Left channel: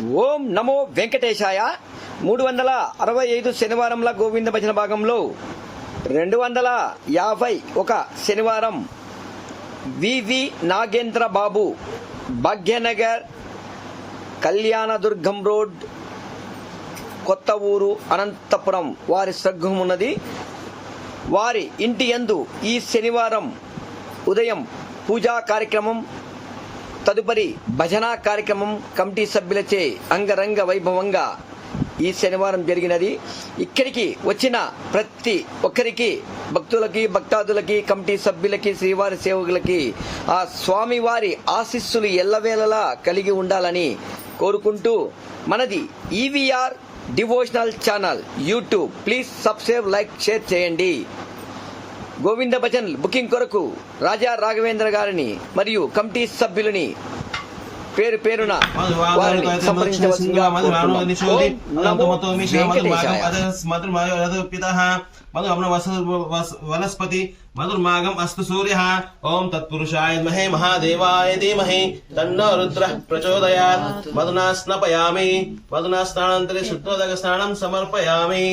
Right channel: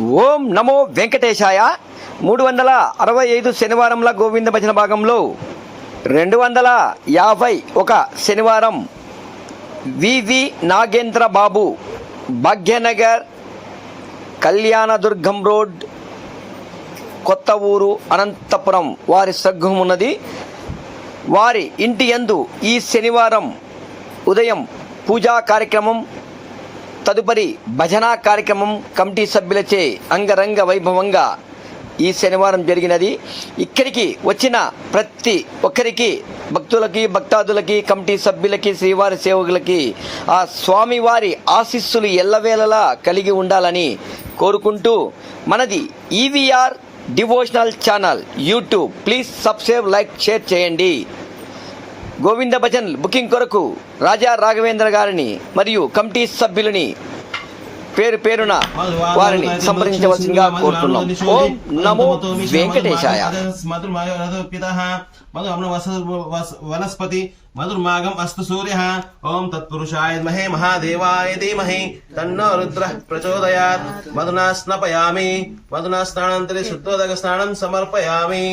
ఓం నమో వెంకటేశాయ. 365 శనివారంల గోవింద భజన భాగంలో 251 శనివారం వివి నాగేంద్ర బాబు, భాగ్యనగర్, కళ్యాణదుర్గం రోడ్, కొత్త ఊరు, అనంతపురం వారి సగ్గం ఉన్నది. వారి ఇంటి యందు ఈ శనివారం ఉదయం పూజా కార్యక్రమం, తదుపరి భజన కార్యక్రమం కమిటీ సభ్యులచే అంగరంగ వైభవంగా ఈ శనివారం జరిగినది. ఇక్కడికి వచ్చిన ప్రతి ఒక్కరికి, భక్తులకి, భక్తాదులకి, కమిటీ సభ్యులకి, శ్రీవారి సేవకులకి ఆ స్వామివారి ఆశీస్సులు ఎల్లవేళలా కలిగి ఉండాలని కోరుకుంటూ, మనది EVR devotional channel YouTube, please subscribe, like, share చేయండి. గోవింద భజన్ బుకింగ్ కొరకు రాజా రాఘవేంద్ర గారిని మరియు కమిటీ సభ్యులని పేరు పేరున వారిని సంప్రదించవలసిందిగా కోరుతున్నాం. ఓం నమో వెంకటేశాయ. వనస్పతి మధుర్మాగం అస్తు సూర్య. ఓం తత్పురుషాయ మహే మహాదేవాయ ధీమహి తన్నో రుద్ర ప్రచోదయాత్. మధునా స్నాపయామి. మధునా స్నానాంతరే శుద్ధోదక స్నానం సమర్పయామి.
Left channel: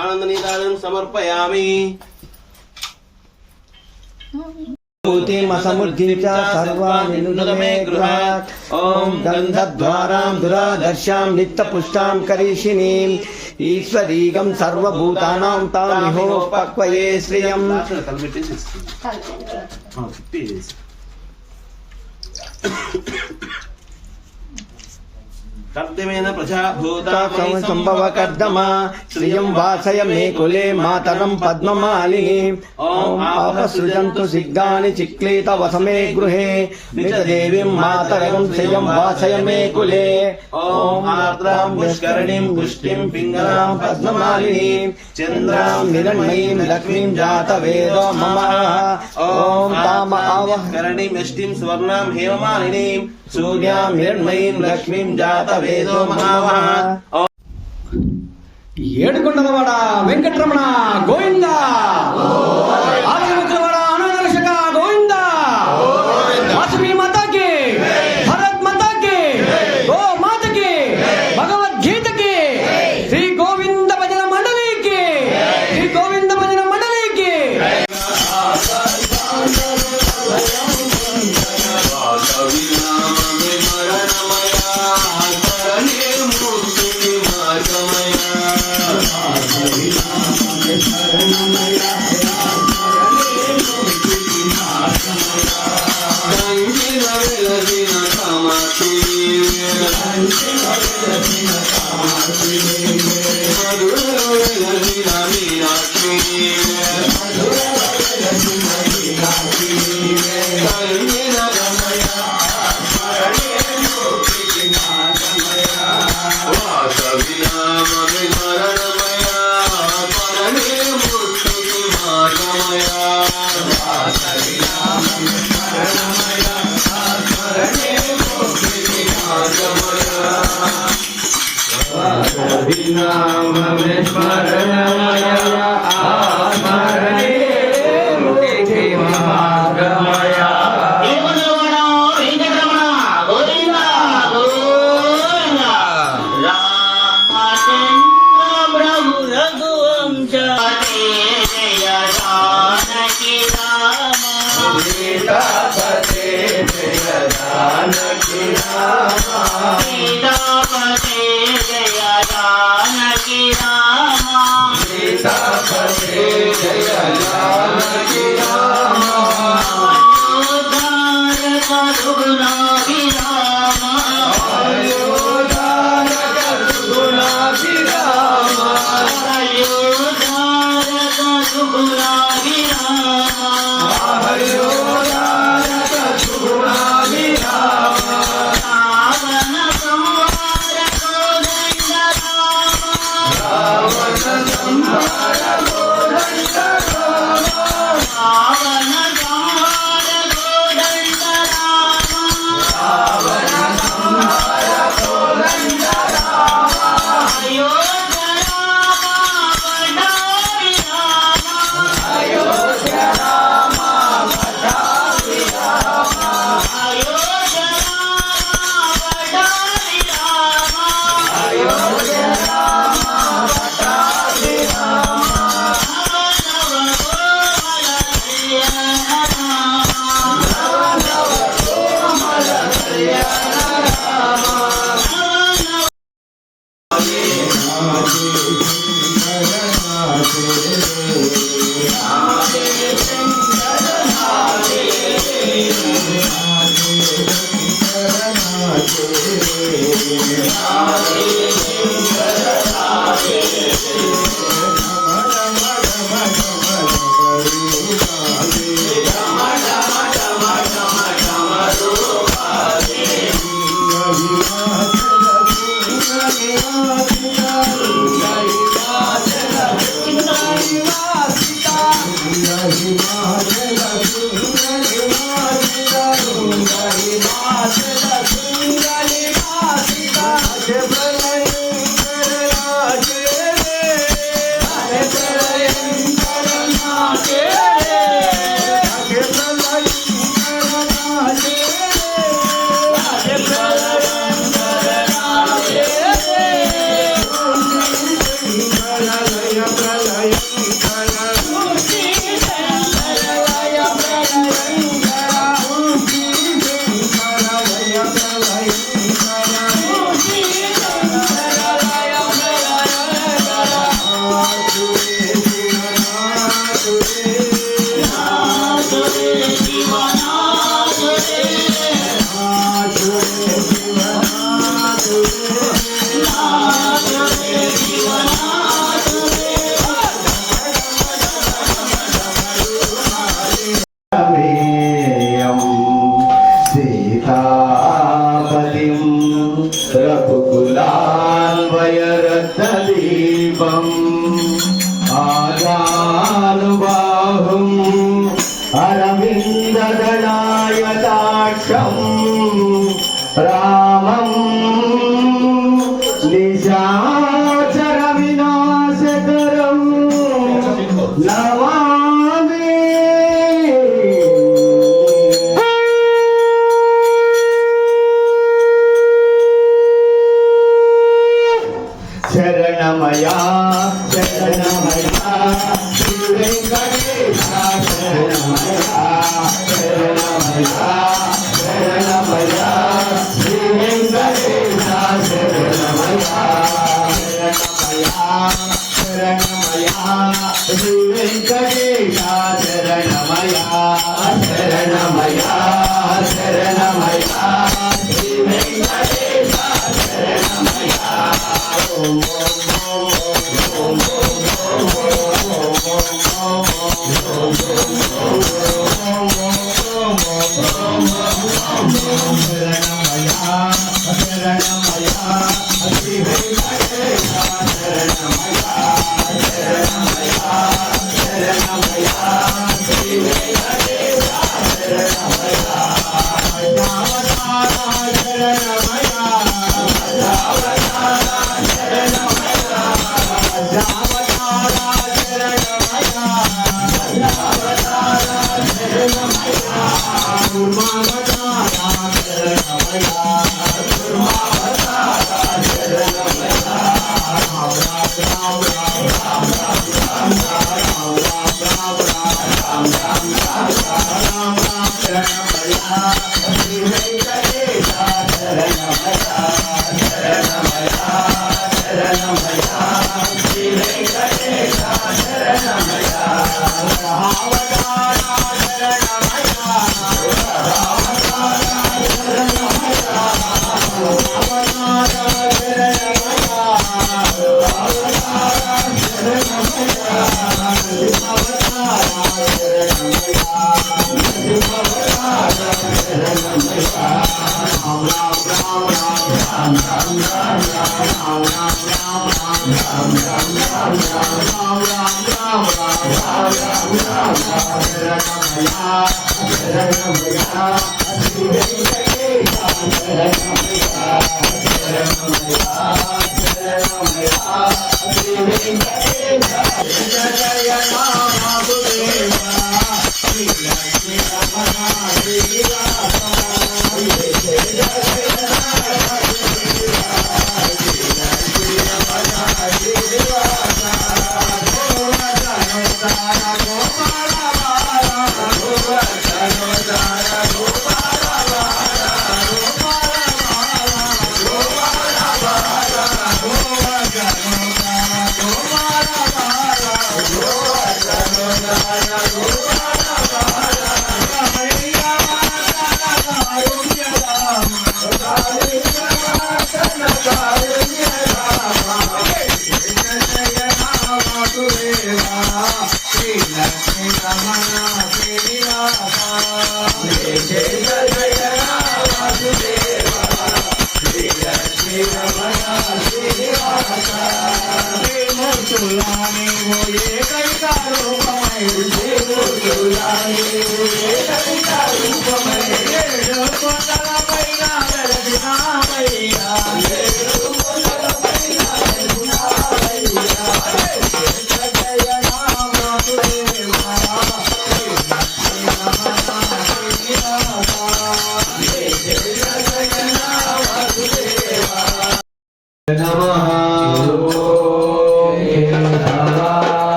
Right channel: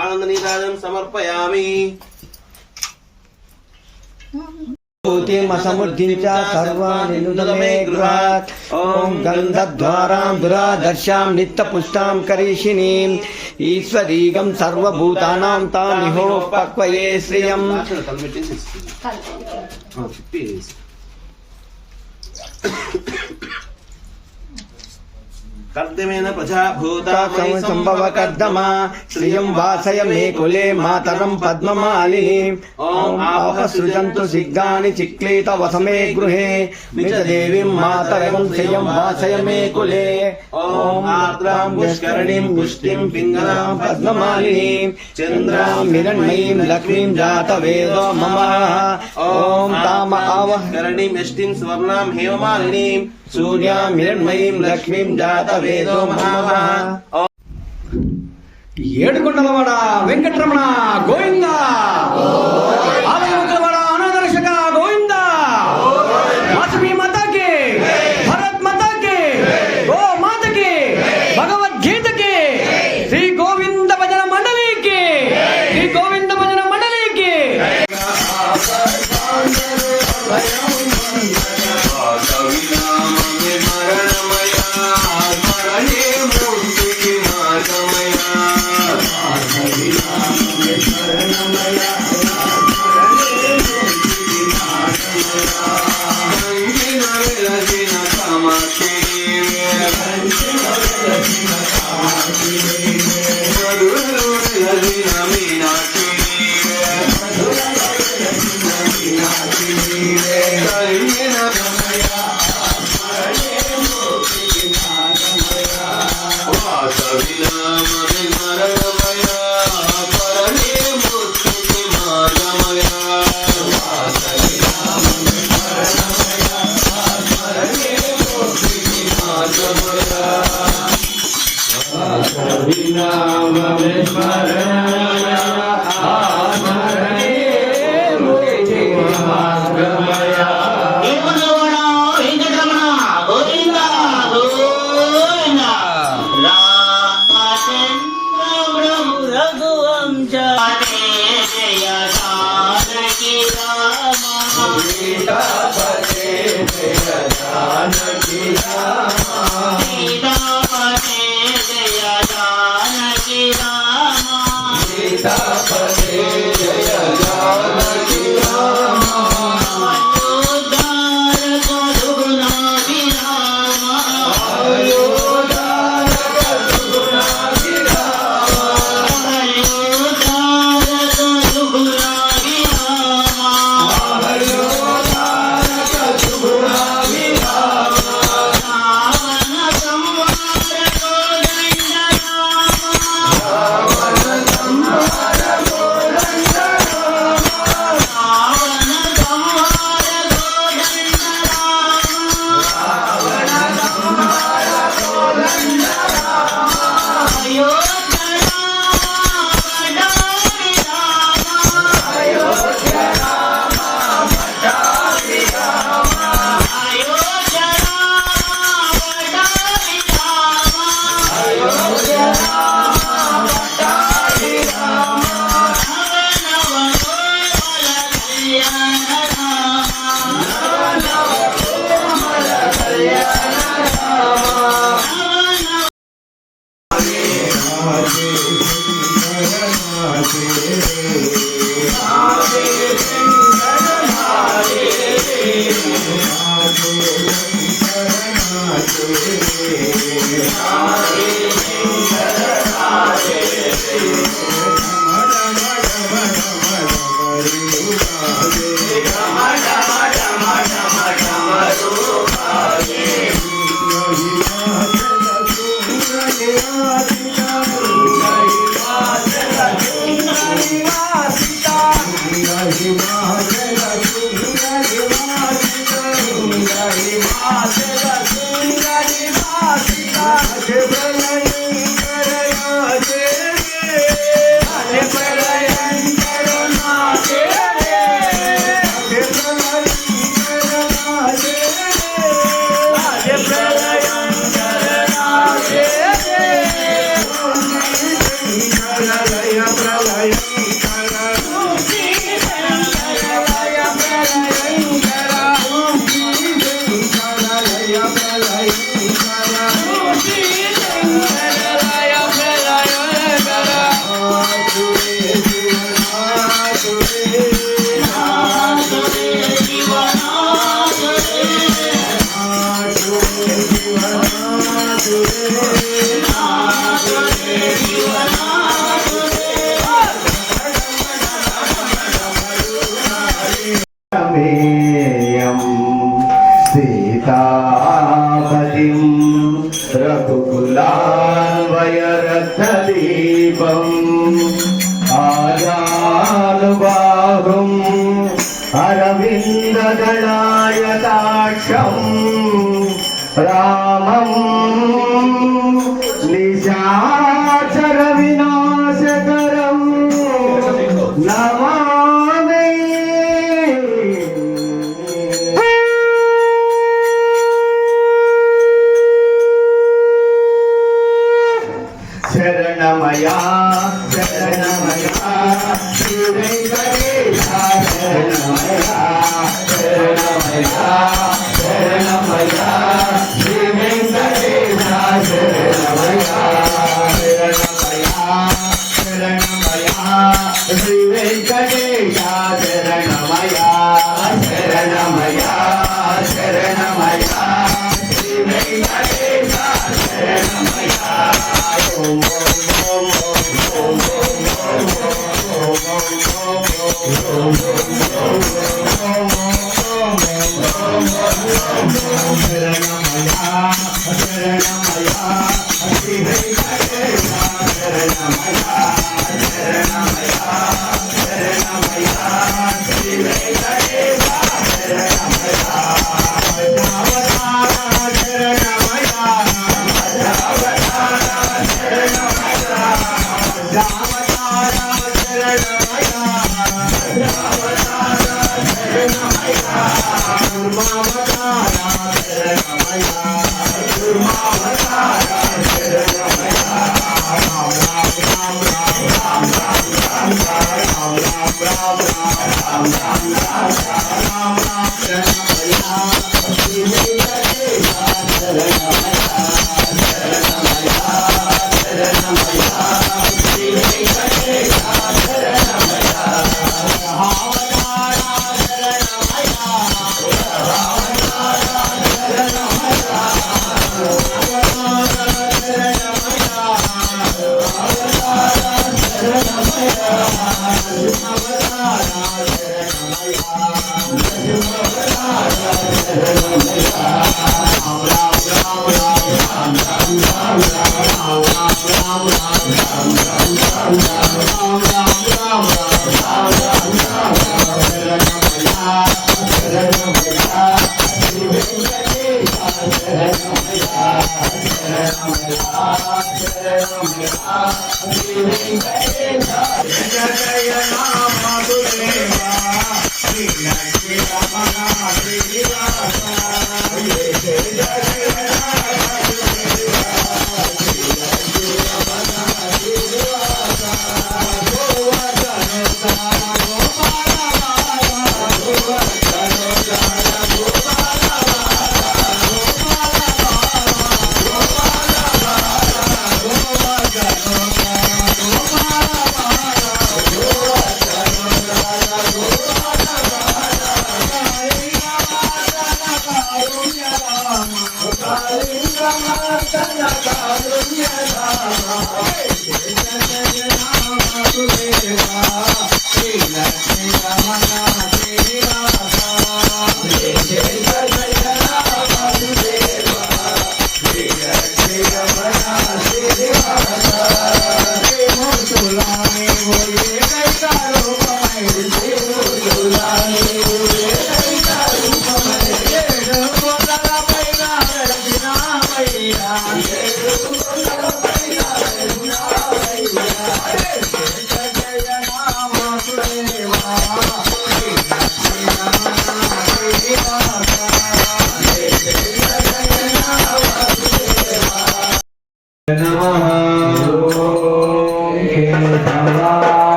ఆనందనీరాజం సమర్పయామి. భూతిమసముద్ధీంచ సర్వాణి నుదమే గృహాత్. ఓం గంధద్వారాం దురాదర్శాం నిత్యపుష్టాం కరీషిణీం ఈశ్వరీగం సర్వభూతానాం తామిహోపక్వయే శ్రియం. కర్దమేన ప్రజాభూత సంభవ కర్దమా శ్రియం వాసయ మే కులే మాతరం పద్మమాలిని. ఓం ఆపసృజంతు సిగ్ధాని చిక్లీత వసమే గృహే మృతదేవీం మాతరం శ్రియం వాసయ మే కులే. ఓం ఆర్ద్రాం విష్కరణీం విష్టిం పింగళాం పద్మమాలినీం చంద్రాం హిరణ్మయీం లక్ష్మీం జాతవేదో మమ. ఓం తామ ఆవహరణీం యష్టిం స్వర్ణాం హేమమాలినీం సూర్యాం హిరణ్మయీం లక్ష్మీం జాతవేదో మమ. ఏడుకొండలవాడ వెంకటరమణ గోవింద. ఆలయముఖలవాడ అనాథరక్షక గోవింద. వాసవి మాతాకి, భరత్ మాతాకి, గో మాతకి, భగవద్గీతకి, శ్రీ గోవింద భజన మండలికి, శ్రీ గోవింద భజన మండలికి. सीतापतिं रघुकुलान्वयरक्तदीपम् आजानुबाहुम् अरविन्ददलायताक्षम् रामं निशाचरविनाशकरम् नमामि। शरणमया शरणमया श्री वेंकटेश शरणमया शरणमया शरणमया श्री वेंकटेश शरणमया शरणमया श्री वेंकटेश शरणमया शरणमया शरणमया श्री वेंकटेश शरणमया।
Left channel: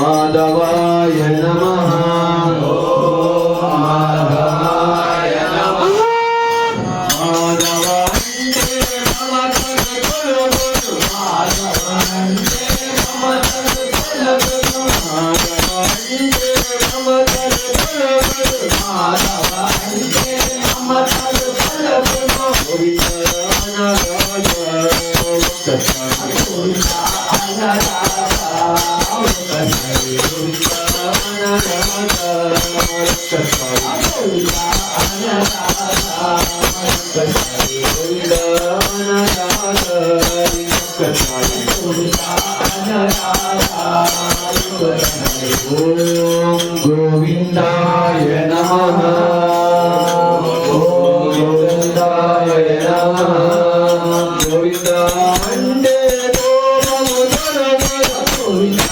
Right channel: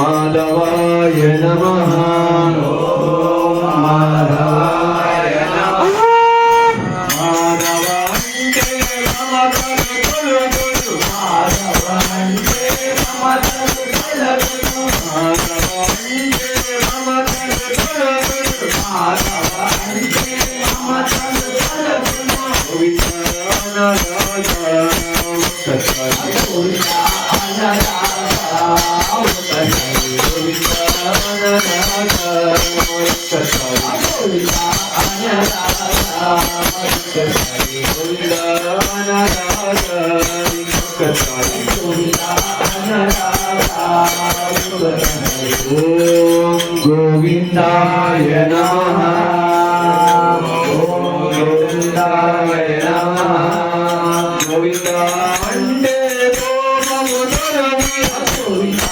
माधवाय नमः ओम माधवाय नमः माधवंते मम कुल गुरु माधवंते मम कुल गुरु माधवंते मम कुल गुरु माधवंते मम कुल गुरु गोविंदाय नमः गोविंदाय नमः गोविंदांडे गोविंदांडे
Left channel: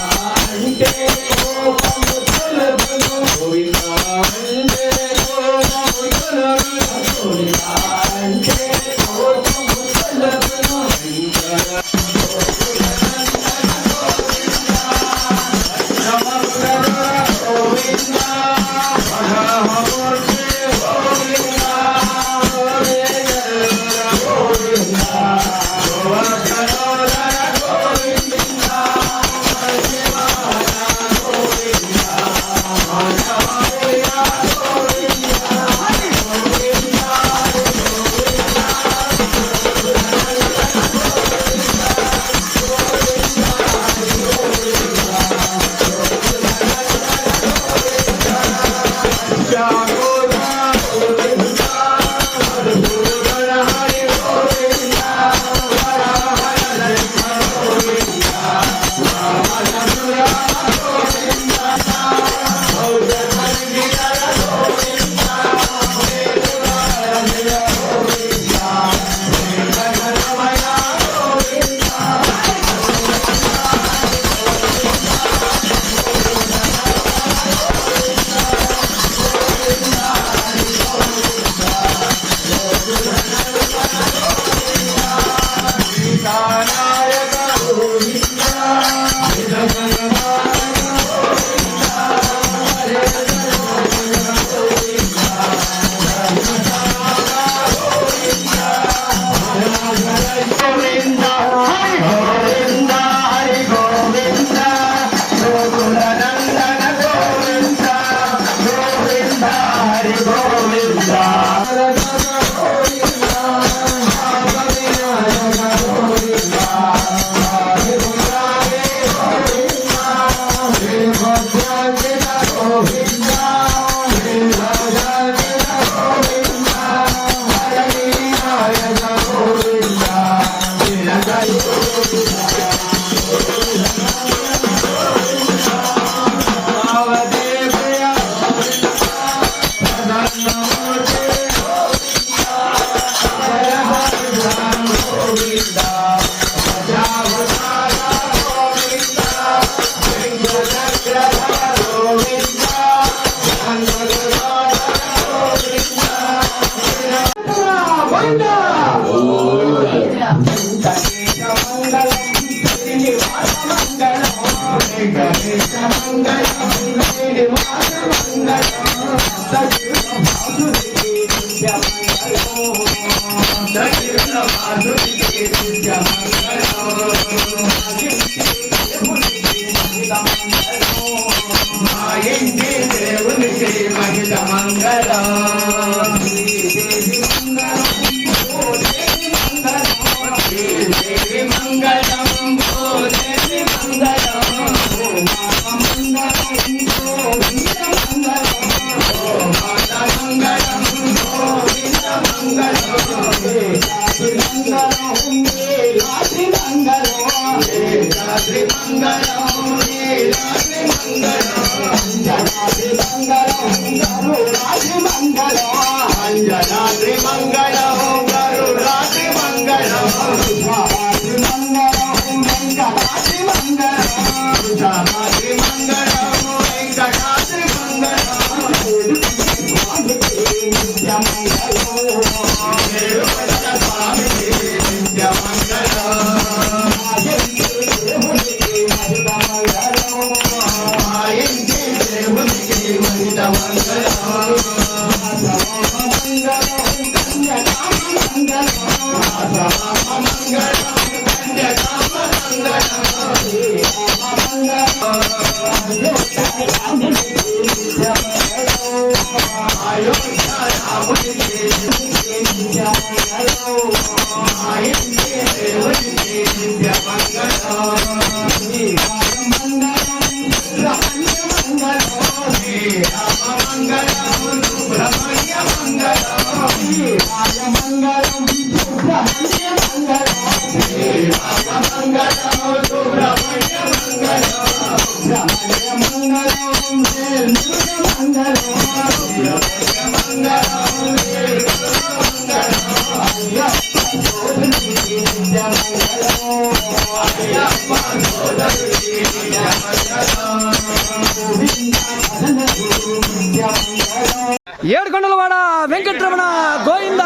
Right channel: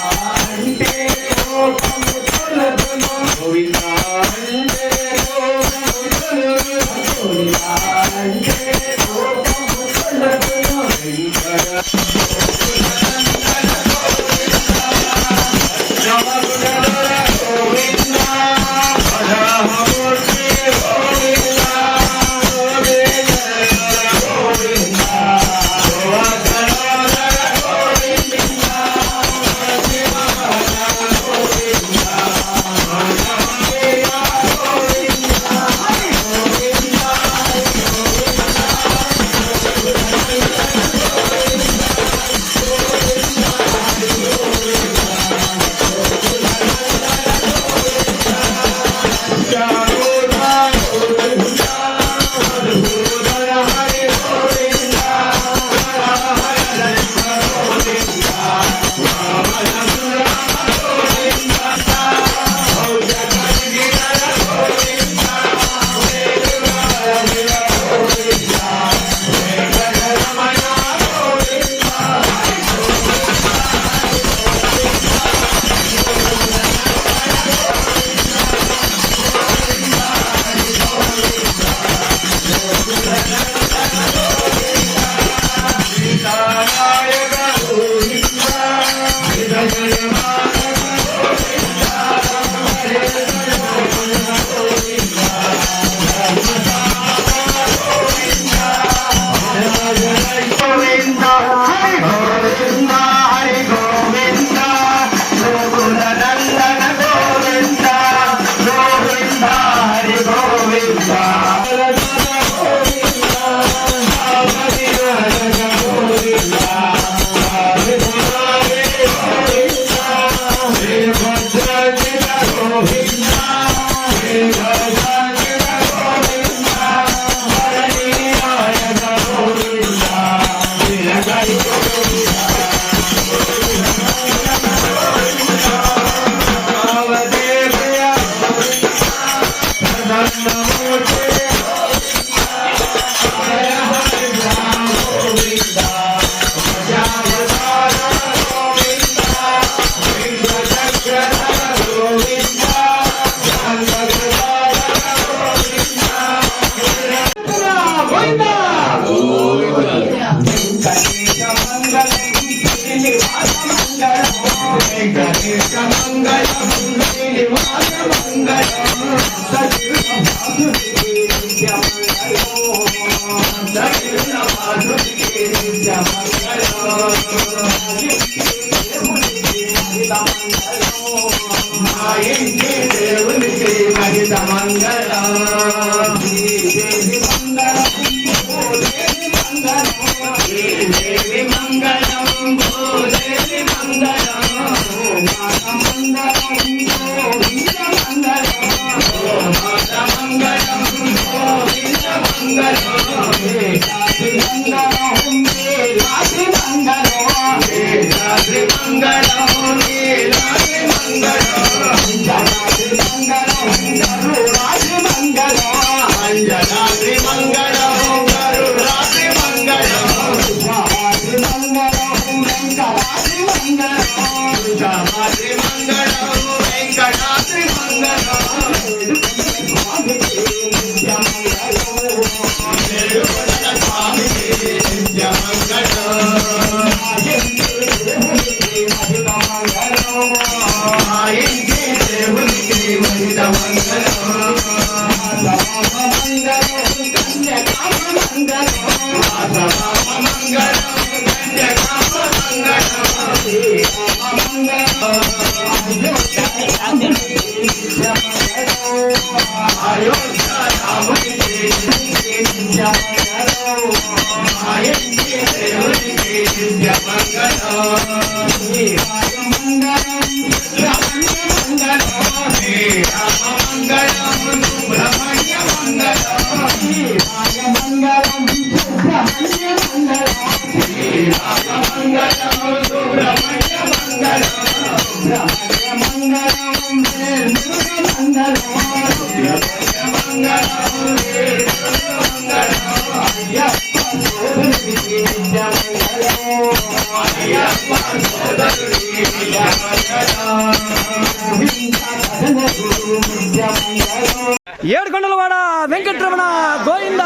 ఏడుకొండలవాడ వెంకటరమణ గోవింద